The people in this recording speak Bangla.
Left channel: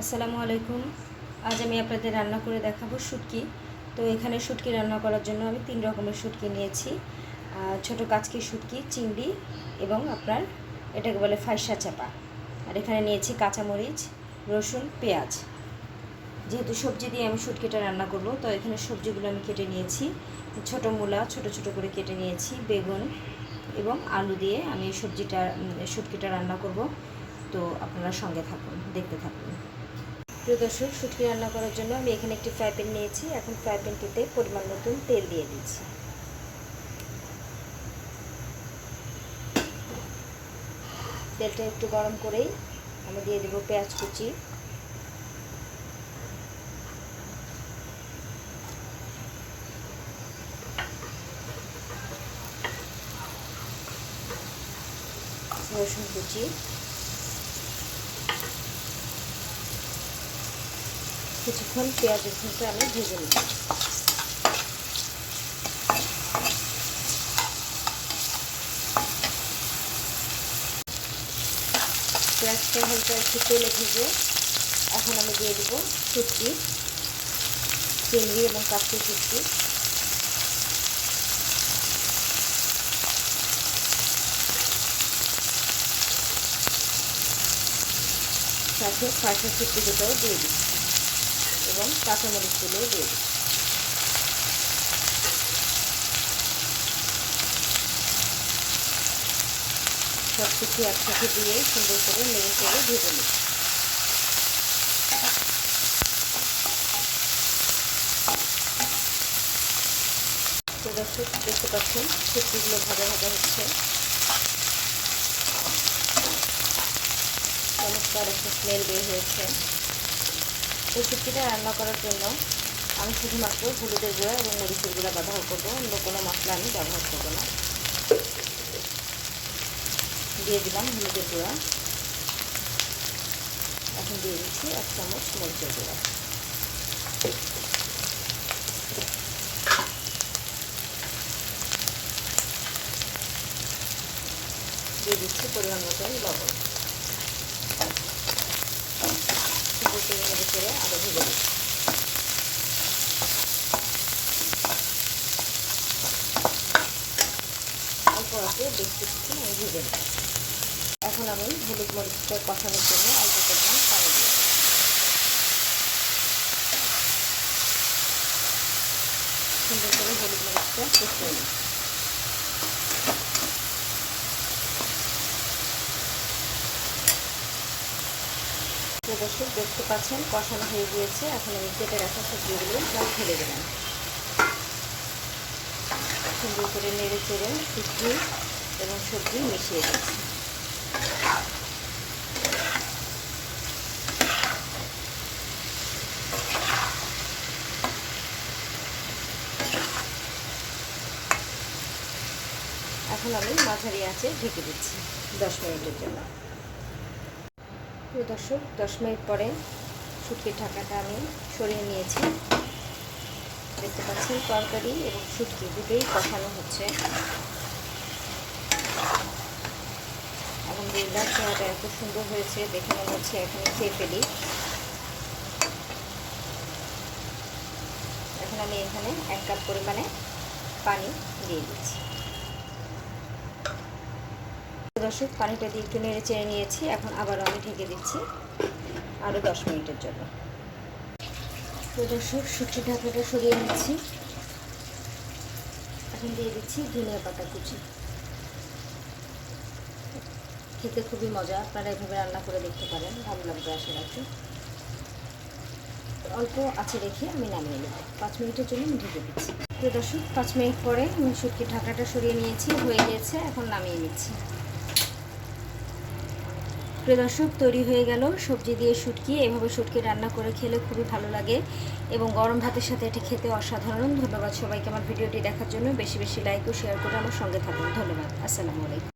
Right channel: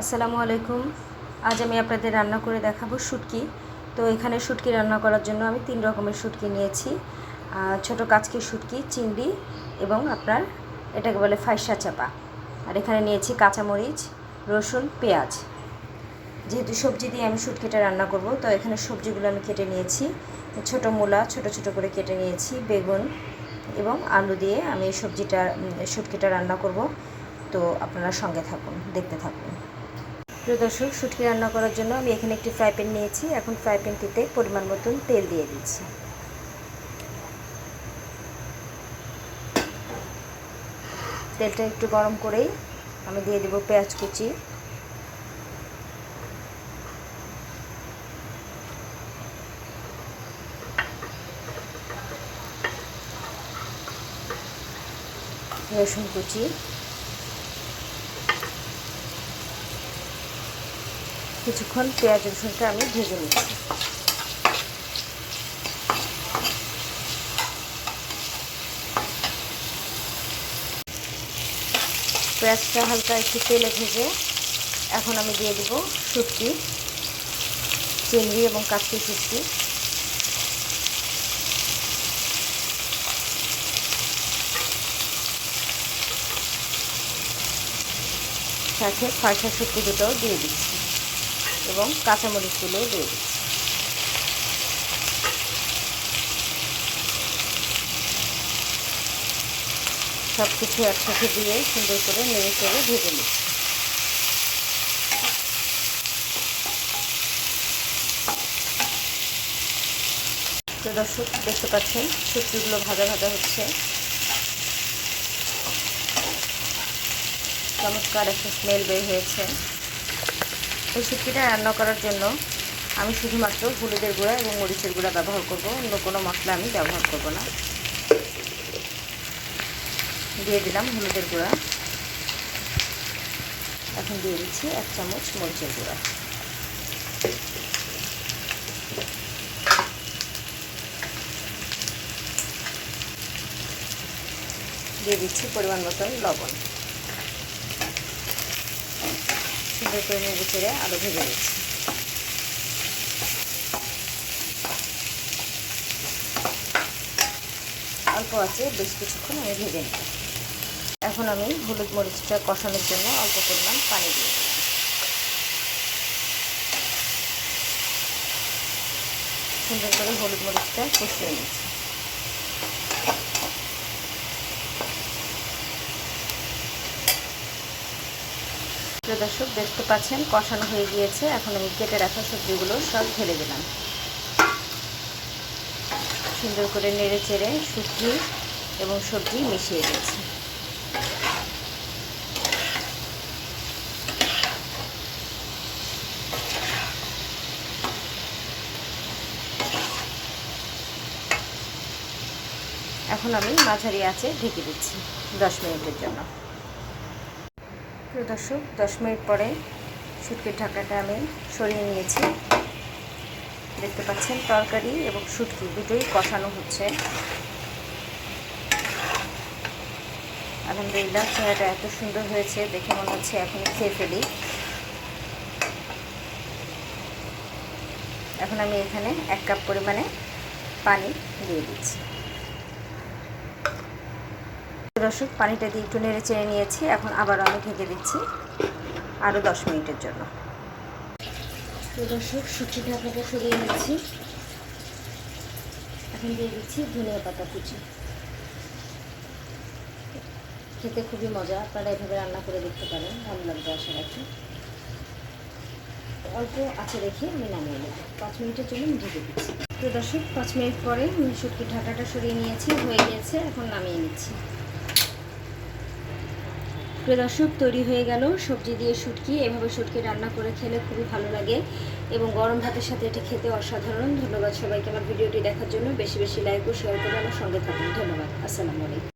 আসসালামু আলাইকুম। আজ আমি আপনাদের রান্না করে দেখাবো শুটকি। তো এখানে শুটকি রান্না করার জন্য আমি 3 রকমের শুটকি নিয়েছি। ছোট কাচকি শুটকি, চিংড়ি এবং আপনার এটাকে বলে ফাইসা চাপা। আর এখানে নিয়েছি কাঁচামরিচ, রসুন, পেঁয়াজ। যেহেতু সবজি দিয়ে আমি শুটকিটা রান্না করব, তো এখানে সবজিগুলো আমি কেটে নিয়েছি। ছোট মূলা ছোট ছোট করে কেটে নিয়েছি, বেগুন এবং আলু দিয়ে আমি শুটকিটা রান্না করব। তো আপনারা সঙ্গে থাকুন, দেখতে থাকুন। প্রিয় দর্শক, শুটকি রান্না করার জন্য আমি এখানে একটি ফ্রাই প্যান নিয়েছি। এখন ফ্রাই প্যানটিতে পরিমাণ মতন তেল দিয়ে দিচ্ছি। তেলটা একটু গরম করেই আমি দিয়ে দেব পেঁয়াজ কুচি, রসুন কুচি, কিছুক্ষণ পেঁয়াজ রসুনটা আমি ভেজে নিচ্ছি। পেঁয়াজটা হালকা একটু তেলে ভেজে এখন আমি দিয়ে দেব শুটকি, চিংড়ি এবং কাচকি শুটকি। সাথে ফাঁসা শুটকি দুটোও দিয়ে দিচ্ছি এবং কাঁচামরিচগুলোও দিয়ে দিচ্ছি। সব কিছু একসাথে দিয়ে সুন্দর করে নেড়ে চেড়ে ভেজে নিচ্ছি। তো দর্শক, দেখতে পাচ্ছেন শুটকিগুলো ভাজা ভাজা হচ্ছে। চমৎকার একটা স্মেল বের হয়েছে। এই শুটকিটা রান্না করার জন্য আমি শুধুমাত্র হলুদের গুঁড়া এবং মরিচের গুঁড়া ব্যবহার করব, অন্য কোনো মশলা আমি ব্যবহার করব না। দিয়ে দিলাম হলুদের গুঁড়া, এখন দিয়ে দিচ্ছি 1 চামচ মরিচের গুঁড়া। দিয়ে দিচ্ছি পরিমাণ মতন লবণ। সুন্দর করে নেড়ে চেড়ে আরও ভেজে দিচ্ছি। অল্প আছে বেশ কিছুক্ষণ আমি ভেজে নিই। এখন আমি হলুদ মরিচটা কষানোর জন্য অল্প পরিমাণ পানি দিয়ে দিই। সুন্দর করে হলুদ মরিচটা কষিয়ে নিই। দর্শক, দেখতে পাচ্ছেন কষানো হয়ে গিয়েছে। এখন আমি কেটে রাখা সবজিগুলো সব ঢেলে দিলাম। সুন্দর করে নেড়ে চেড়ে শুটকি এবং সবজি মিশিয়ে দিচ্ছি। এখন আমি মাঝারি আঁচে ঢেকে দিচ্ছি 10 মিনিটের জন্য। প্রিয় দর্শক, 10 মিনিট পরে শুটকির ঢাকাটা আমি সরিয়ে নিয়েছি। দেখতে পাচ্ছেন তরকারি এবং শুটকি দুটোই কষানো হচ্ছে। আলহামদুলিল্লাহ, চেহারাটা এত সুন্দর হয়েছে, দেখে মনে হচ্ছে এখনই খেয়ে ফেলি। এখন আমি এখানে 1 কাপ পরিমাণে পানি দিয়ে দিচ্ছি। দর্শক, পানিটা দিয়ে একটু নেড়ে চেড়ে নিয়েছি। এখন আবারও আমি ঢেকে দিচ্ছি আরও 10 মিনিটের জন্য। তো দর্শক, শুটকির ঢাকাটা সরিয়ে নিচ্ছি। এখন দিয়ে দিচ্ছি ধনিয়া পাতা কুচি। খেতে খুবই মজা, আপনারা এভাবে রান্না করে দেখতে পারেন, ভালো লাগবে আশা রাখি। অল্প আঁচে রেখে আমি নামিয়ে নেব। 5 মিনিটের জন্য আমি ঢেকে দিচ্ছি। তো দর্শক, 5 মিনিট পরে আমি শুটকির ঢাকাটা সরিয়ে নিয়েছি, হয়ে গিয়েছে। এখন নামিয়ে নিচ্ছি। প্রিয় দর্শক, তৈরি হয়ে গেল সবজি দিয়ে শুটকি। এভাবে শুটকি রান্না করে খেলে খুবই ভালো লাগে এবং গরম ভাতের সাথে এটি খেতে অসাধারণ। ধন্যবাদ সবাইকে আমার ভিডিওটি দেখার জন্য। বেশি বেশি লাইক ও শেয়ার করে আমার সঙ্গে থাকুন। ধন্যবাদ। আসসালামু আলাইকুম।